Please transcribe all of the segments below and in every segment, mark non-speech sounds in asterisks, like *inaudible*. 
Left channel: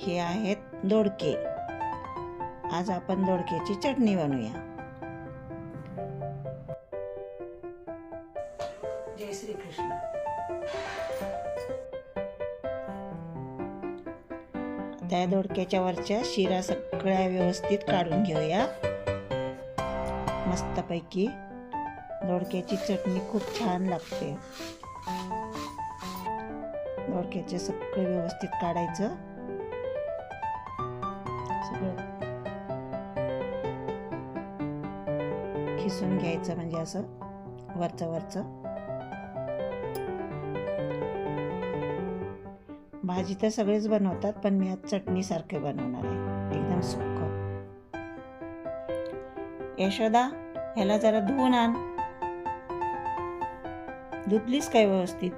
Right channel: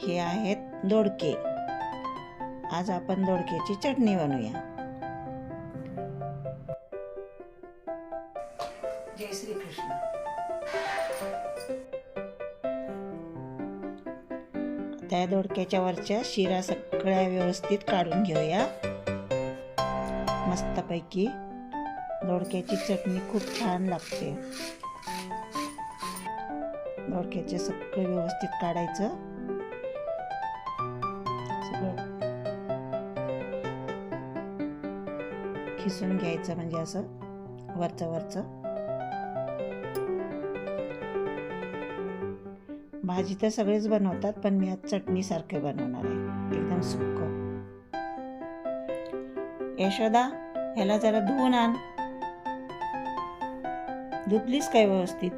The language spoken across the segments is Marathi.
हे आहेत दोडके. आज आपण दोडक्याची चटणी बनवूया. जय श्री कृष्ण त्या दोडक्याच्या वरच्या शिरा सगळ्या व्यवस्थित काढून घेऊया. मस्तपैकी दोडक्याची चटणी खूप छान लागते. दोडक्याचे सगळं व्यवस्थित काढायचं. सगळं. खिसून घ्यायचं म्हणजे असं वरचं वरचं. भाजी तर सगळेच बनवतात पण मी आज चटणीसारखे बनवणार आहे. एकदम सुक्क. यशोदा ह्याला जरा धुवून आण. धुतलीस काय व्यवस्थित?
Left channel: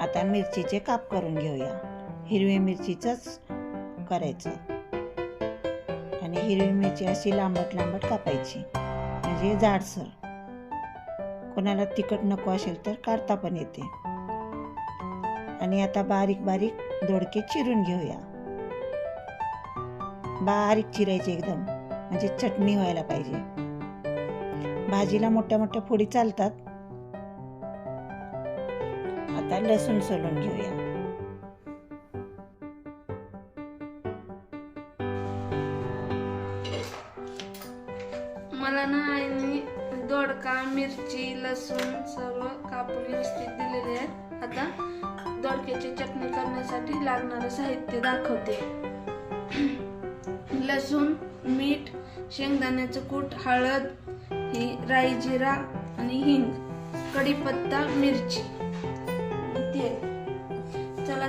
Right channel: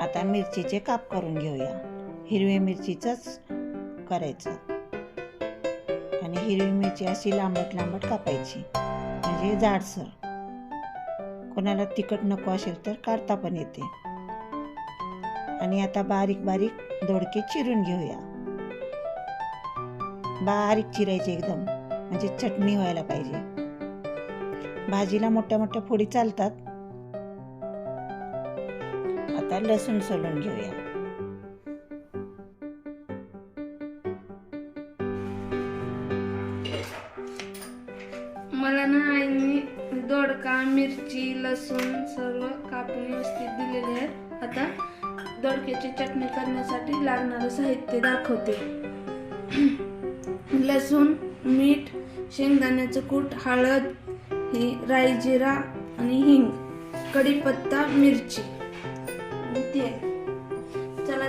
आता मिरचीचे काप करून घेऊया. हिरवी मिरचीचंच करायचं. आणि हिरवी मिरची अशी लांबट लांबट कापायची. म्हणजे जाडसर. कोणाला तिखट नको असेल तर काढता पण येते. आणि आता बारीक बारीक दोडके चिरून घेऊया. बारीक चिरायचे एकदम. म्हणजे चटणी व्हायला पाहिजे. भाजीला मोठ्या मोठ्या फोडी चालतात. आता लसूण सोलून घेऊया. मला ना आईने दोडका मिरची लसूण सर्व कापून व्यवस्थित दिलेले आहेत. आता दोडक्याची चटणी करण्यासाठी लागणारं साहित्य दाखवते. *clears throat* लसूण मीठ शेंगदाण्याचं कूट हळद ही राई जिरा आणि हिंग कढीपत्ता मिरची.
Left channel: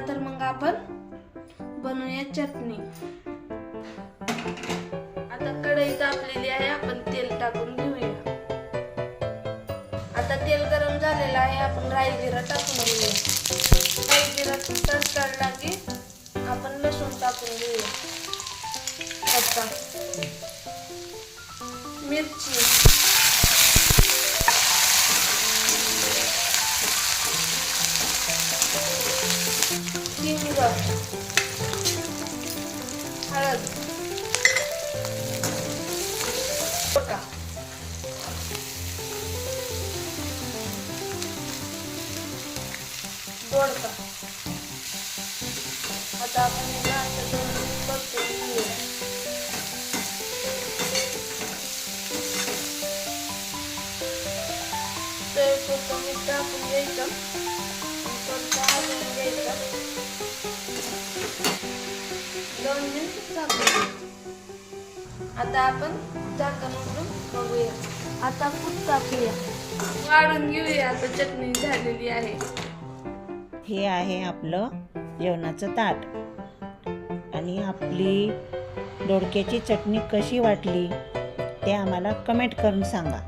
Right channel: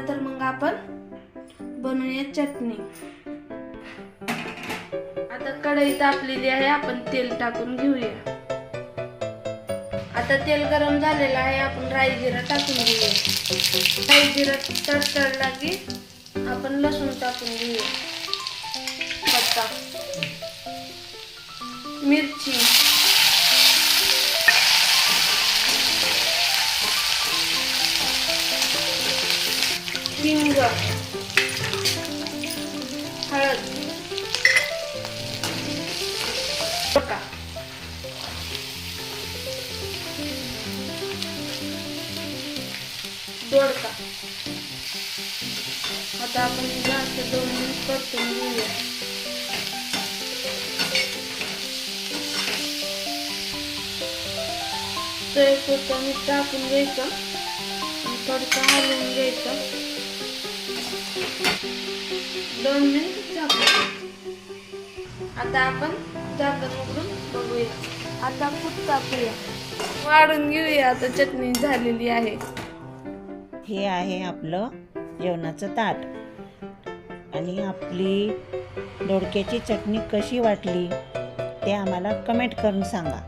तर मग आपण बनवूया चटणी. आता कढई तापलेली आहे आपण तेल टाकून घेऊया. आता तेल गरम झालेलं आहे आपण राई जिरा टाकून घेऊया. राई जिरा तडतडला की आपण लसूण टाकून घेऊया. आता मिरची. हिंग हळद बटा दोडका आता आपण हे असं दोन मिनिट परतून घेऊया पुरतं मीठ टाकून घ्यायचं आणि तडका हलवून घ्यायचा दोन मिनिट आता आपण झाकण उघडून बघूया. आता खूप टाकूया वाढून घेऊया आता चटणी झालेली आहे. हे आहे आपलं जेवणाचं ताट. आणि आपली दोडक्याची चटणी कशी वाटली ते आम्हाला कमेंट करून सांगा.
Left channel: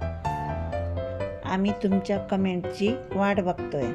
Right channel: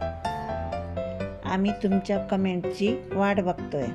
आम्ही तुमच्या कमेंटची वाट बघतोय.